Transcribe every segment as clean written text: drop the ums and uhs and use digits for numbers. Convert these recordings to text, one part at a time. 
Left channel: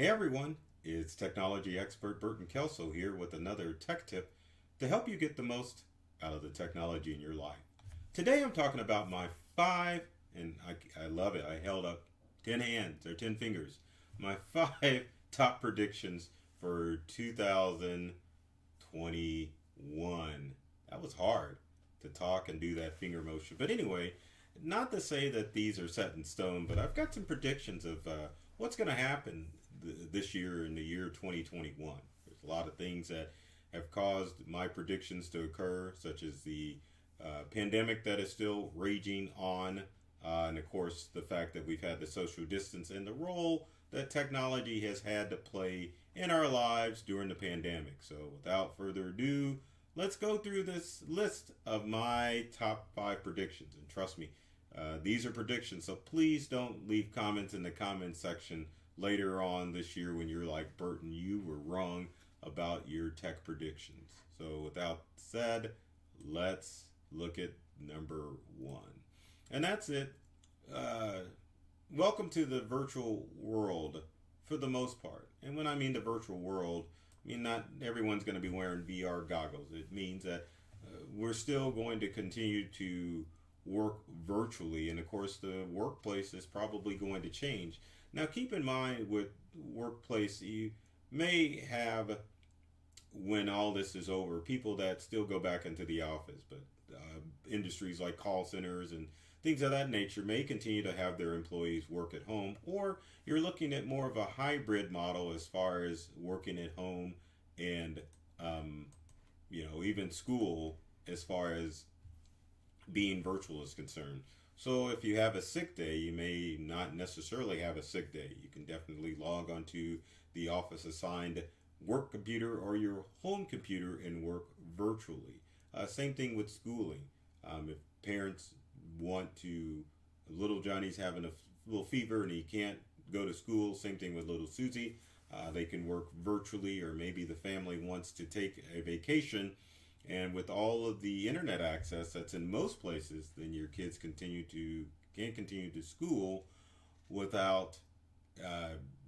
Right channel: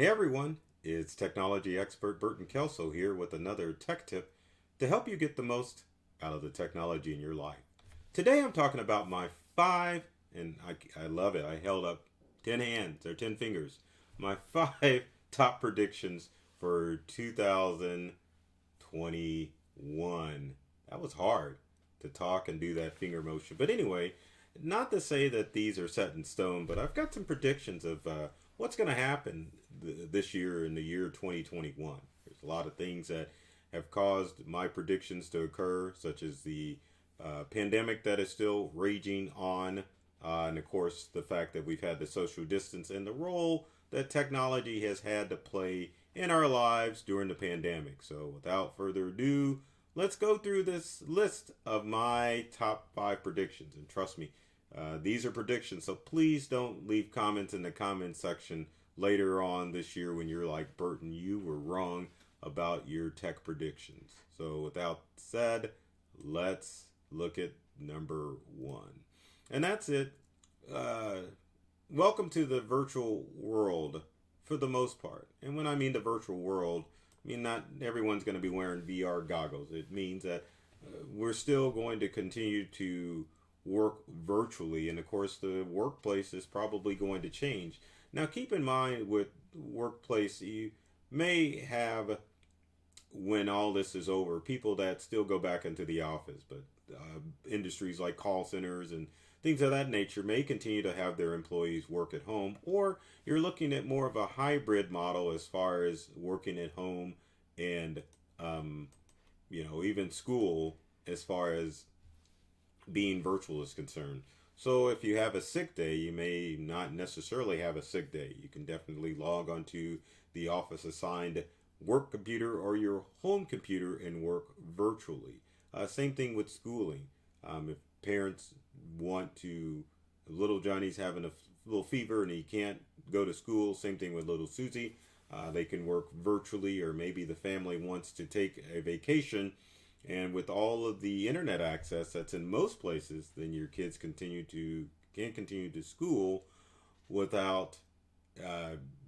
Hey everyone, it's technology expert Burton Kelso here with another tech tip to help you get the most out of the technology in your life. Today I'm talking about my five, and I love it, I held up 10 hands or 10 fingers, my five top predictions for 2021. That was hard to talk and do that finger motion. But anyway, not to say that these are set in stone, but I've got some predictions of what's going to happen this year in the year 2021. There's a lot of things that have caused my predictions to occur, such as the pandemic that is still raging on, and of course the fact that we've had the social distance and the role that technology has had to play in our lives during the pandemic. So without further ado, let's go through this list of my top five predictions. And trust me, these are predictions, so please don't leave comments in the comment section later on this year when you're like, Burton, you were wrong about your tech predictions. So without said, let's look at number one. And that's it. Welcome to the virtual world for the most part. And when I mean the virtual world, I mean not everyone's going to be wearing VR goggles. It means that we're still going to continue to work virtually, and of course the workplace is probably going to change. Now keep in mind with workplace, you may have, when all this is over, people that still go back into the office, but industries like call centers and things of that nature may continue to have their employees work at home, or you're looking at more of a hybrid model as far as working at home and even school as far as being virtual is concerned. So if you have a sick day, you may not necessarily have a sick day. You can definitely log onto the office assigned work computer or your home computer and work virtually. Same thing with schooling. If parents want to, little Johnny's having a little fever and he can't go to school, same thing with little Susie. They can work virtually, or maybe the family wants to take a vacation. And with all of the internet access that's in most places, then your kids can continue to school without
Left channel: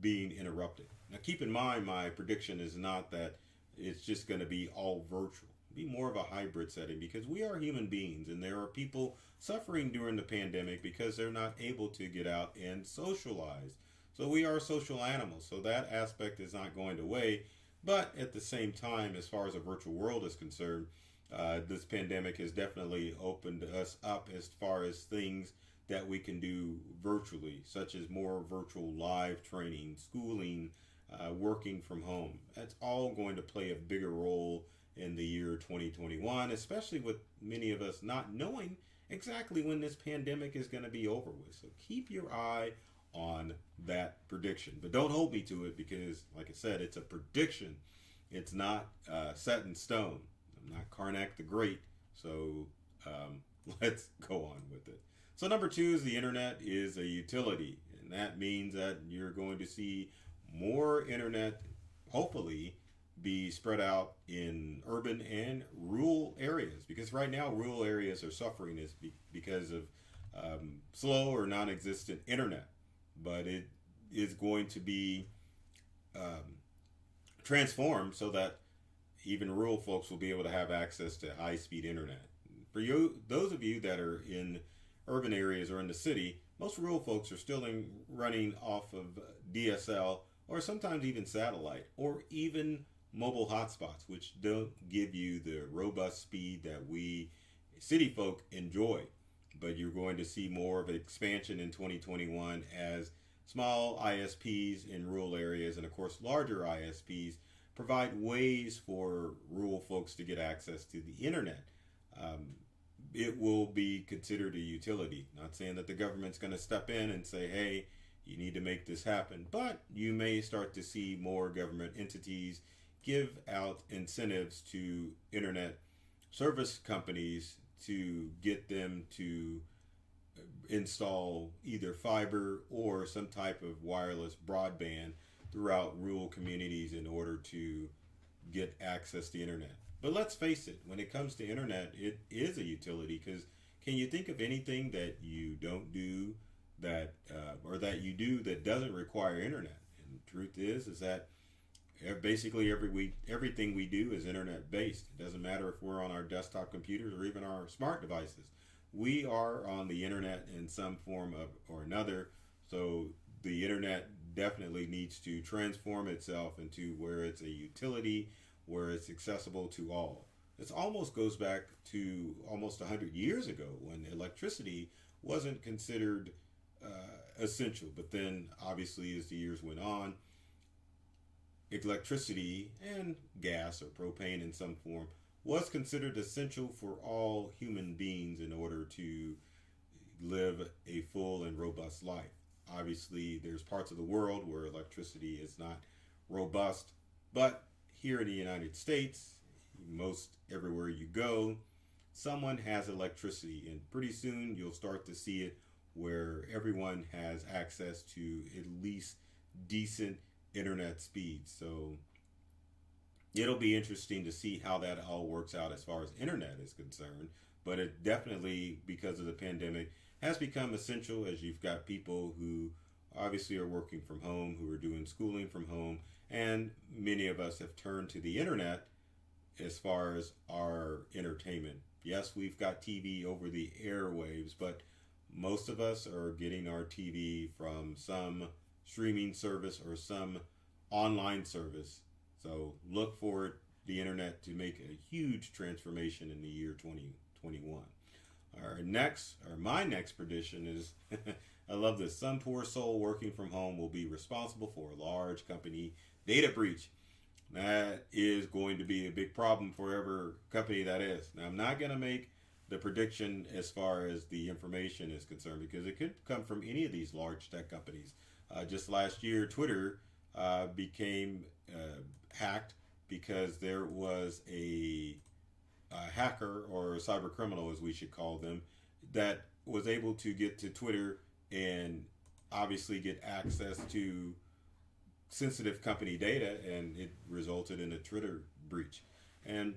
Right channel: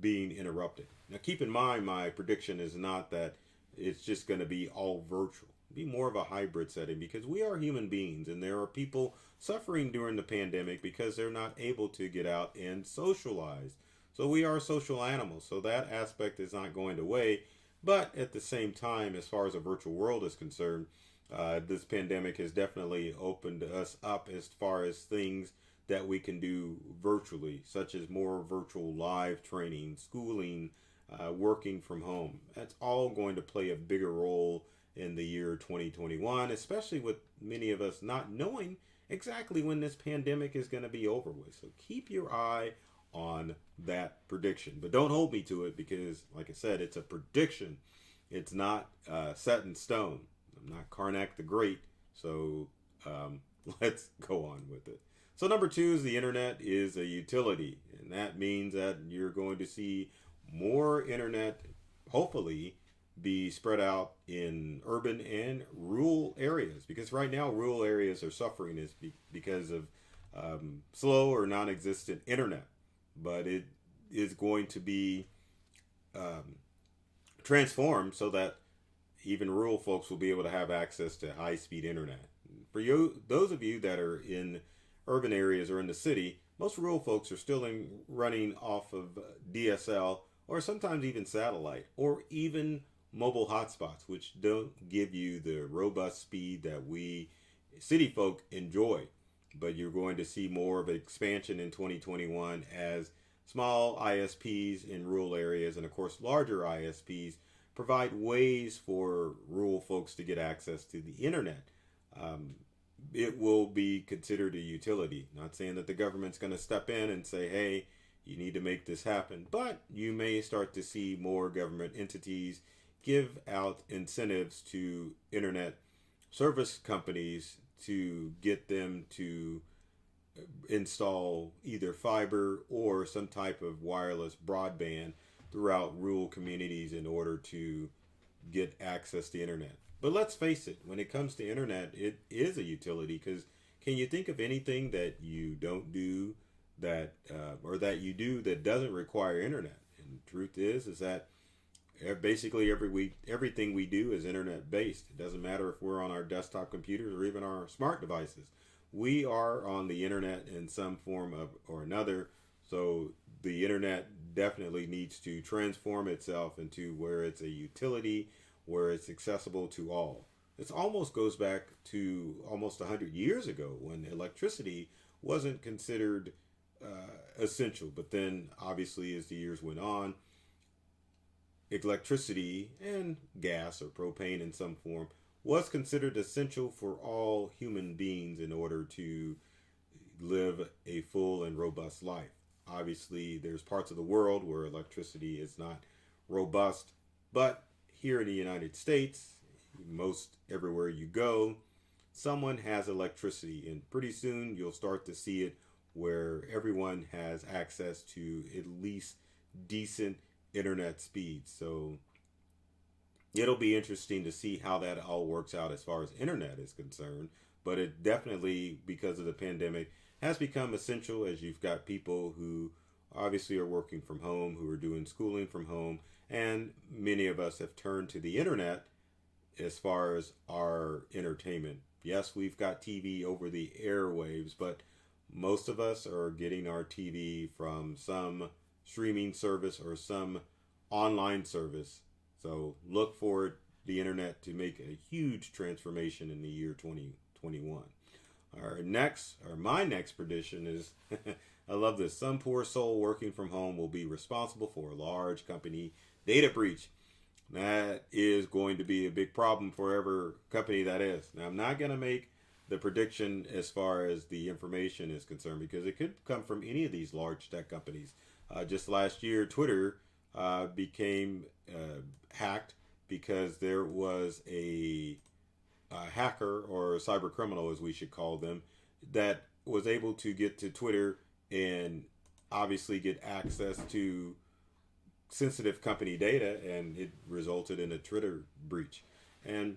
being interrupted. Now keep in mind, my prediction is not that it's just going to be all virtual. Be more of a hybrid setting, because we are human beings and there are people suffering during the pandemic because they're not able to get out and socialize. So we are social animals, so that aspect is not going away. But at the same time, as far as the virtual world is concerned, this pandemic has definitely opened us up as far as things that we can do virtually, such as more virtual live training, schooling, working from home. That's all going to play a bigger role in the year 2021, especially with many of us not knowing exactly when this pandemic is going to be over with. So keep your eye on that prediction, but don't hold me to it, because like I said, it's a prediction. It's not set in stone. I'm not Karnak the Great. So let's go on with it. So number two is the internet is a utility, and that means that you're going to see more internet hopefully be spread out in urban and rural areas, because right now rural areas are suffering because of slow or non-existent internet. But it is going to be transformed so that even rural folks will be able to have access to high-speed internet. For you, those of you that are in urban areas or in the city, most rural folks are still running off of DSL, or sometimes even satellite, or even mobile hotspots, which don't give you the robust speed that we city folk enjoy. But you're going to see more of expansion in 2021 as small ISPs in rural areas, and of course larger ISPs, provide ways for rural folks to get access to the internet. It will be considered a utility. Not saying that the government's going to step in and say, hey, you need to make this happen, but you may start to see more government entities give out incentives to internet service companies to get them to install either fiber or some type of wireless broadband throughout rural communities in order to get access to internet. But let's face it, when it comes to internet, it is a utility, because can you think of anything that you don't do that or that you do that doesn't require internet? And truth is that basically everything we do is internet based. It doesn't matter if we're on our desktop computers or even our smart devices. We are on the internet in some form of or another. So the internet definitely needs to transform itself into where it's a utility, where it's accessible to all. This almost goes back to almost 100 years ago when electricity wasn't considered essential. But then, obviously, as the years went on, electricity and gas or propane in some form was considered essential for all human beings in order to live a full and robust life. Obviously, there's parts of the world where electricity is not robust, but here in the United States, most everywhere you go, someone has electricity, and pretty soon you'll start to see it where everyone has access to at least decent internet speeds. So it'll be interesting to see how that all works out as far as internet is concerned, but it definitely, because of the pandemic, has become essential as you've got people who obviously are working from home, who are doing schooling from home, and many of us have turned to the internet as far as our entertainment. Yes, we've got TV over the airwaves, but most of us are getting our TV from some streaming service or some online service. So look for the internet to make a huge transformation in the year 2021. My next prediction is, I love this. Some poor soul working from home will be responsible for a large company data breach. That is going to be a big problem for every company that is. Now, I'm not going to make the prediction as far as the information is concerned because it could come from any of these large tech companies. Just last year, Twitter became hacked because there was a hacker or a cyber criminal, as we should call them, that was able to get to Twitter and obviously get access to sensitive company data, and it resulted in a Twitter breach. And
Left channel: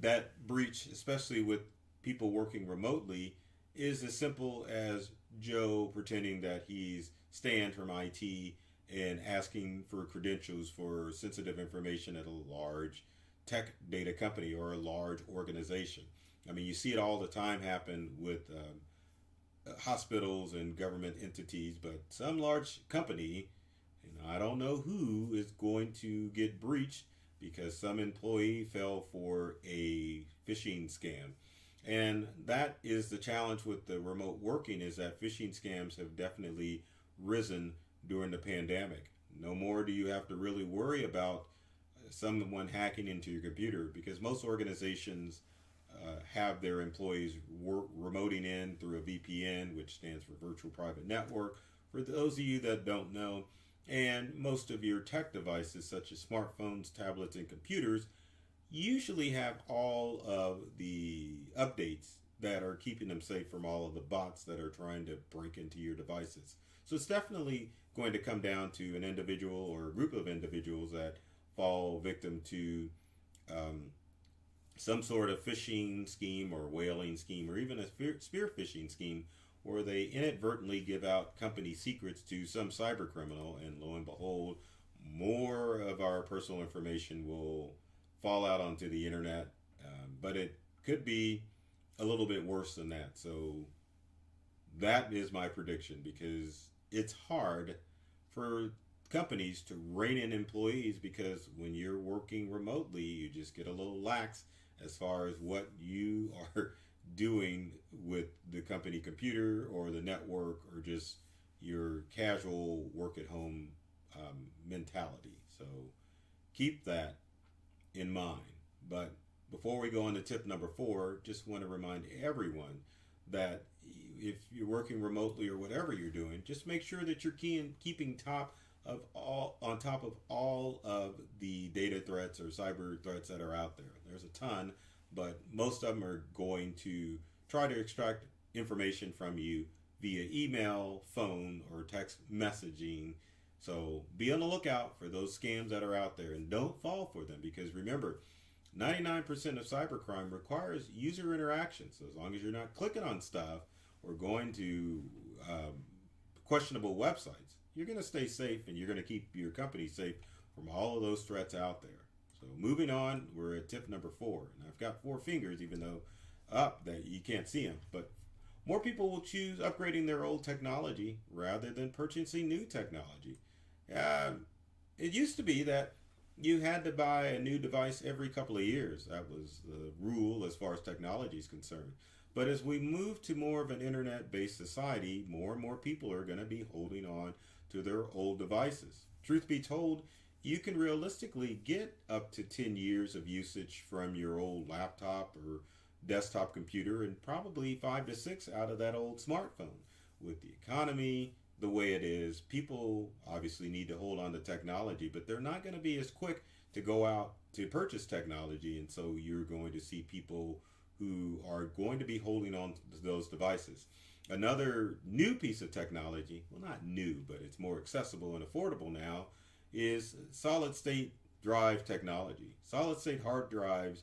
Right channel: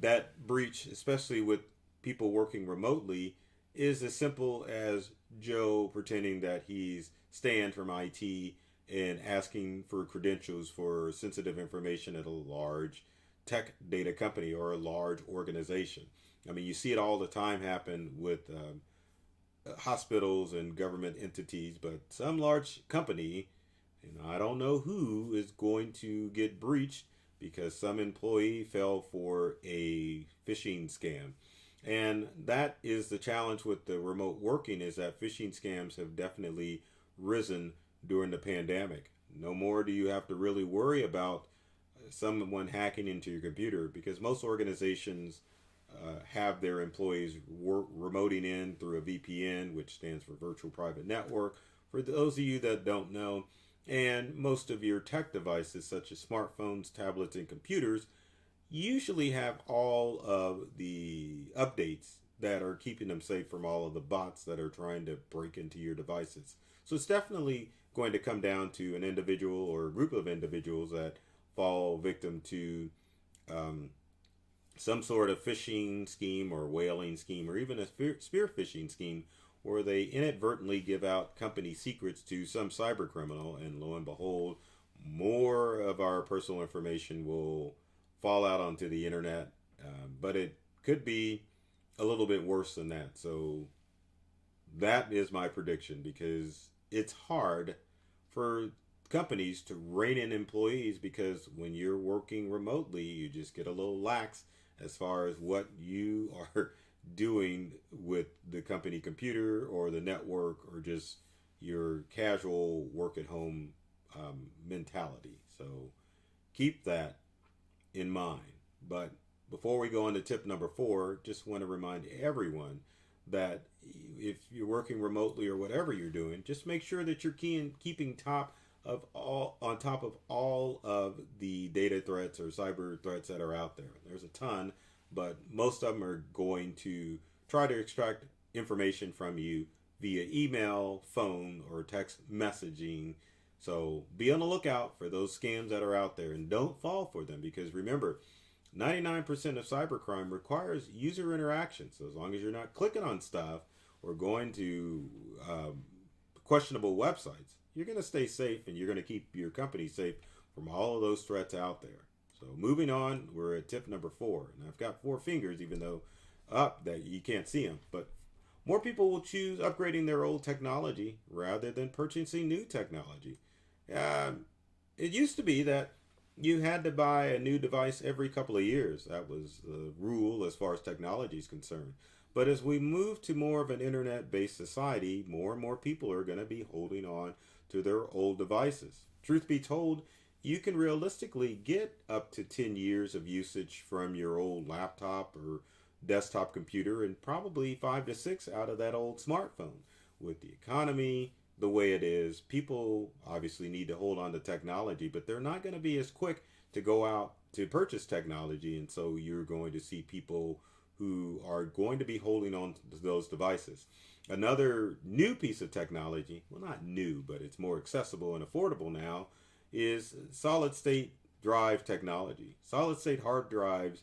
that breach, especially with people working remotely, is as simple as Joe pretending that he's Stan from IT and asking for credentials for sensitive information at a large tech data company or a large organization. I mean, you see it all the time happen with hospitals and government entities, but some large company, I don't know who, is going to get breached because some employee fell for a phishing scam. And that is the challenge with the remote working, is that phishing scams have definitely risen during the pandemic. No more do you have to really worry about someone hacking into your computer because most organizations have their employees remoting in through a VPN, which stands for Virtual Private Network, for those of you that don't know. And most of your tech devices, such as smartphones, tablets, and computers, usually have all of the updates that are keeping them safe from all of the bots that are trying to break into your devices. So it's definitely going to come down to an individual or a group of individuals that fall victim to some sort of phishing scheme or whaling scheme or even a spear phishing scheme where they inadvertently give out company secrets to some cyber criminal, and lo and behold, more of our personal information will fall out onto the internet. But it could be a little bit worse than that. So that is my prediction, because it's hard for companies to rein in employees, because when you're working remotely, you just get a little lax as far as what you are doing with the company computer or the network or just your casual work at home mentality. So keep that in mind. But before we go on to tip number 4, just want to remind everyone that if you're working remotely or whatever you're doing, just make sure that you're keeping on top of all of the data threats or cyber threats that are out there. There's a ton, but most of them are going to try to extract information from you via email, phone, or text messaging. So be on the lookout for those scams that are out there and don't fall for them, because remember, 99% of cybercrime requires user interaction. So as long as you're not clicking on stuff or going to questionable websites. You're going to stay safe and you're going to keep your company safe from all of those threats out there. So moving on, we're at tip number 4. And I've got 4 fingers, even though up that you can't see them. But more people will choose upgrading their old technology rather than purchasing new technology. It used to be that you had to buy a new device every couple of years. That was the rule as far as technology is concerned. But as we move to more of an internet-based society, more and more people are going to be holding on to their old devices. Truth be told, you can realistically get up to 10 years of usage from your old laptop or desktop computer and probably 5 to 6 out of that old smartphone. With the economy the way it is, people obviously need to hold on to technology, but they're not going to be as quick to go out to purchase technology. And so you're going to see people who are going to be holding on to those devices. Another new piece of technology, well, not new, but it's more accessible and affordable now, is solid state drive technology. Solid state hard drives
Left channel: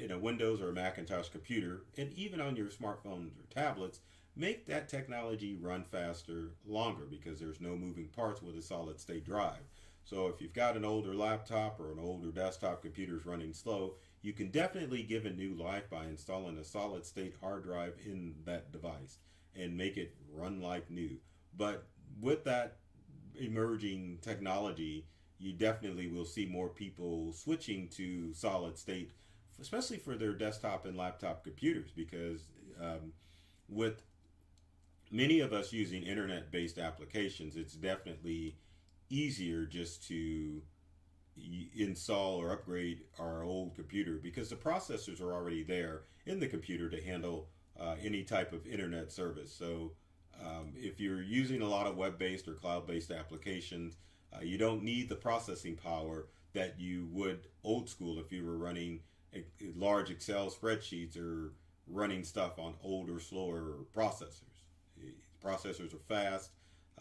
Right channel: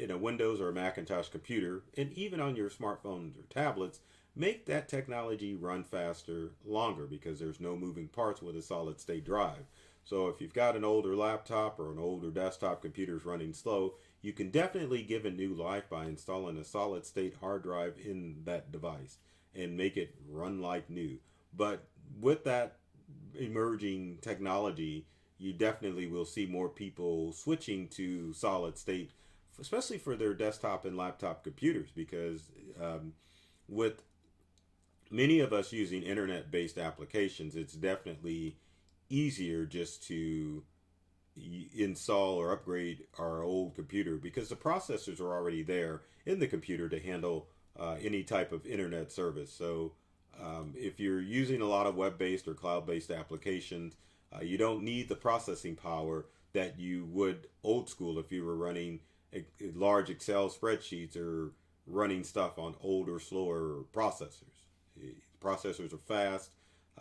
in a Windows or a Macintosh computer, and even on your smartphones or tablets, make that technology run faster, longer, because there's no moving parts with a solid state drive. So if you've got an older laptop or an older desktop computer's running slow, you can definitely give it new life by installing a solid state hard drive in that device and make it run like new. But with that emerging technology, you definitely will see more people switching to solid state, especially for their desktop and laptop computers, because with many of us using internet-based applications, it's definitely easier just to install or upgrade our old computer because the processors are already there in the computer to handle any type of internet service. So if you're using a lot of web-based or cloud-based applications, you don't need the processing power that you would old school if you were running large Excel spreadsheets or running stuff on older, slower processors. Processors are fast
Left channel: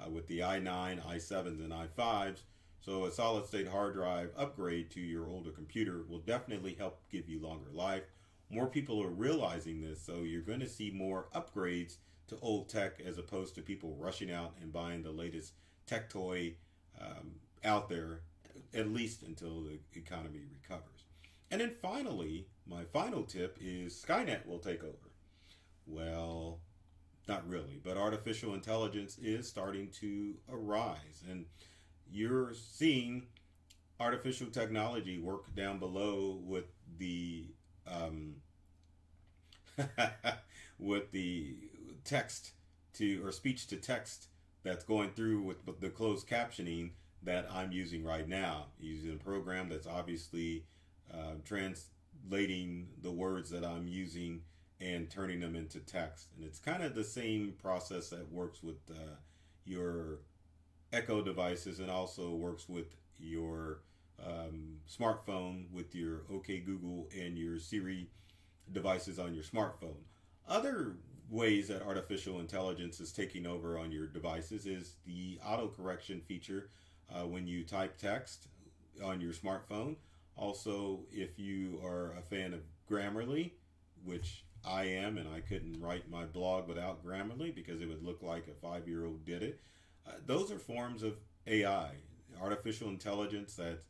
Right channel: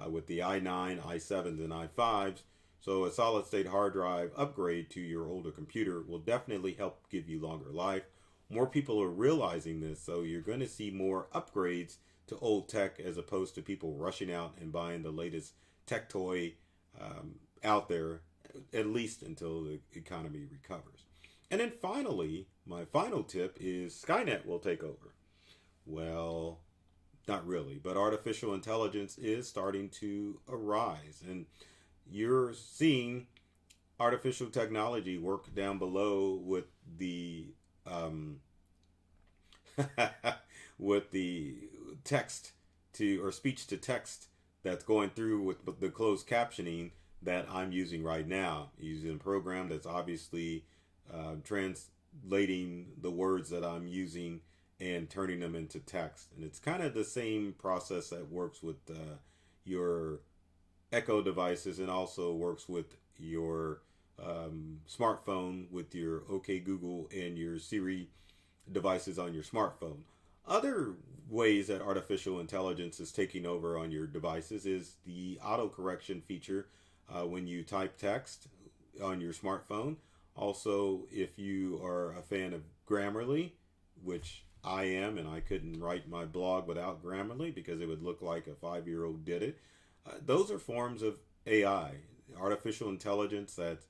with the i9, i7s, and i5s. So a solid state hard drive upgrade to your older computer will definitely help give you longer life. More people are realizing this, so you're going to see more upgrades to old tech as opposed to people rushing out and buying the latest tech toy out there, at least until the economy recovers. And then finally, my final tip is Skynet will take over. Well, not really, but artificial intelligence is starting to arise, and you're seeing artificial technology work down below with the with the text to or speech to text that's going through with the closed captioning that I'm using right now, using a program that's obviously translating the words that I'm using and turning them into text. And it's kind of the same process that works with your Echo devices and also works with your smartphone with your OK Google and your Siri devices on your smartphone. Other ways that artificial intelligence is taking over on your devices is the autocorrection feature when you type text on your smartphone. Also, if you are a fan of Grammarly, which I am, and I couldn't write my blog without Grammarly because it would look like a 5-year-old did it. Those are forms of AI, artificial intelligence that's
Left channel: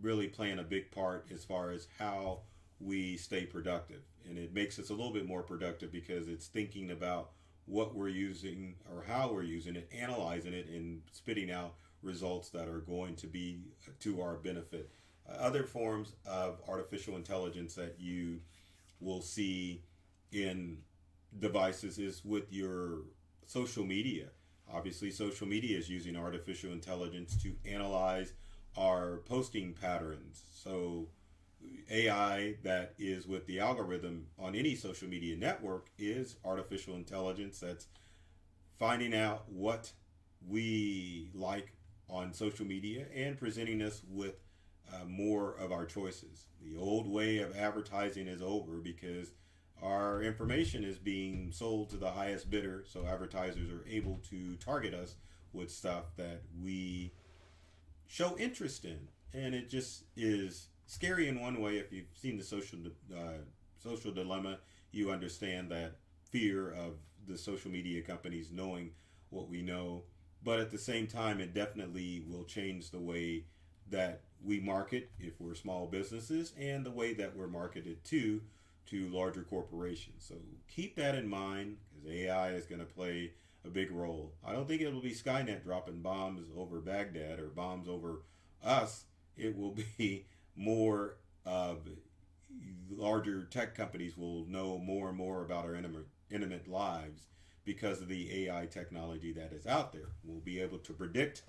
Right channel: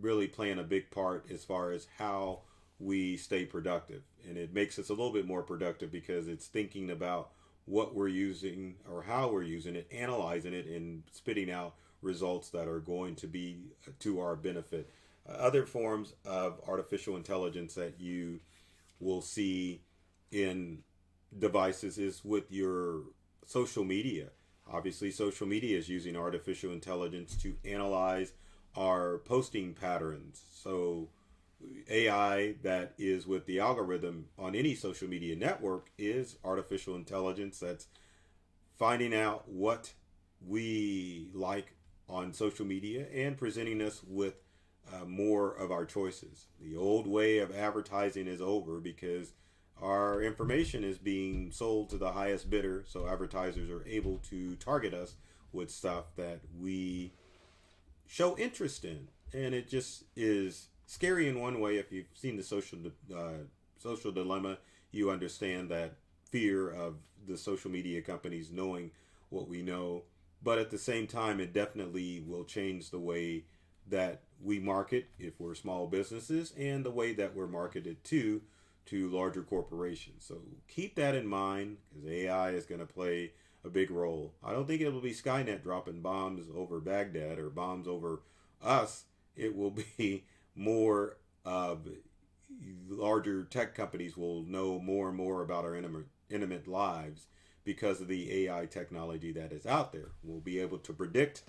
really playing a big part as far as how we stay productive. And it makes us a little bit more productive because it's thinking about what we're using or how we're using it, analyzing it, and spitting out results that are going to be to our benefit. Other forms of artificial intelligence that you will see in devices is with your social media. Obviously, social media is using artificial intelligence to analyze our posting patterns. So AI that is with the algorithm on any social media network is artificial intelligence that's finding out what we like on social media and presenting us with more of our choices. The old way of advertising is over because our information is being sold to the highest bidder, so advertisers are able to target us with stuff that we show interest in. And it just is scary in one way. If you've seen the social dilemma, you understand that fear of the social media companies knowing what we know. But at the same time, it definitely will change the way that we market if we're small businesses and the way that we're marketed to larger corporations. So keep that in mind because AI is going to play a big role. I don't think it will be Skynet dropping bombs over Baghdad or bombs over us. It will be more of larger tech companies will know more and more about our intimate lives because of the AI technology that is out there. We'll be able to predict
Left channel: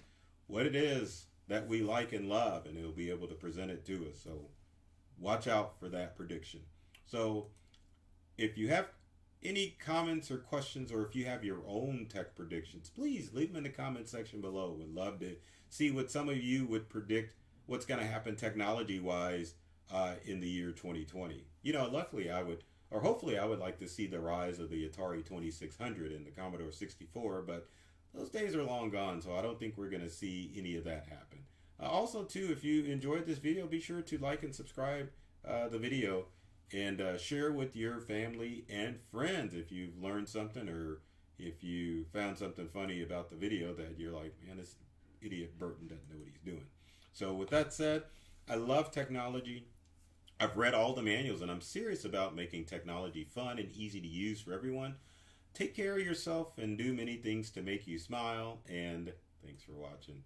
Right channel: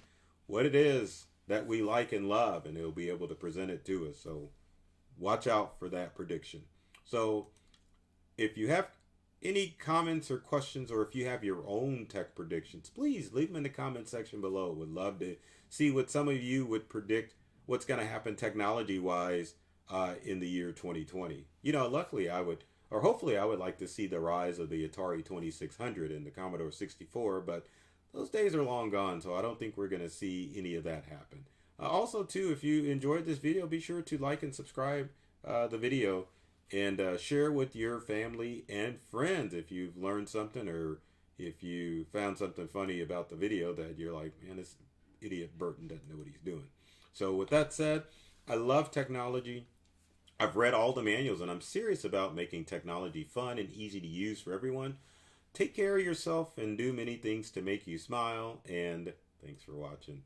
what it is that we like and love, and it'll be able to present it to us. So watch out for that prediction. So if you have any comments or questions, or if you have your own tech predictions, please leave them in the comment section below. Would love to see what some of you would predict what's going to happen technology wise in the year 2020. You know, luckily I would, or hopefully I would like to see the rise of the Atari 2600 and the Commodore 64, but those days are long gone, so I don't think we're going to see any of that happen. Also, too, if you enjoyed this video, be sure to like and subscribe the video and share with your family and friends if you've learned something or if you found something funny about the video that you're like, man, this idiot Burton doesn't know what he's doing. So with that said, I love technology. I've read all the manuals and I'm serious about making technology fun and easy to use for everyone. Take care of yourself and do many things to make you smile, and thanks for watching.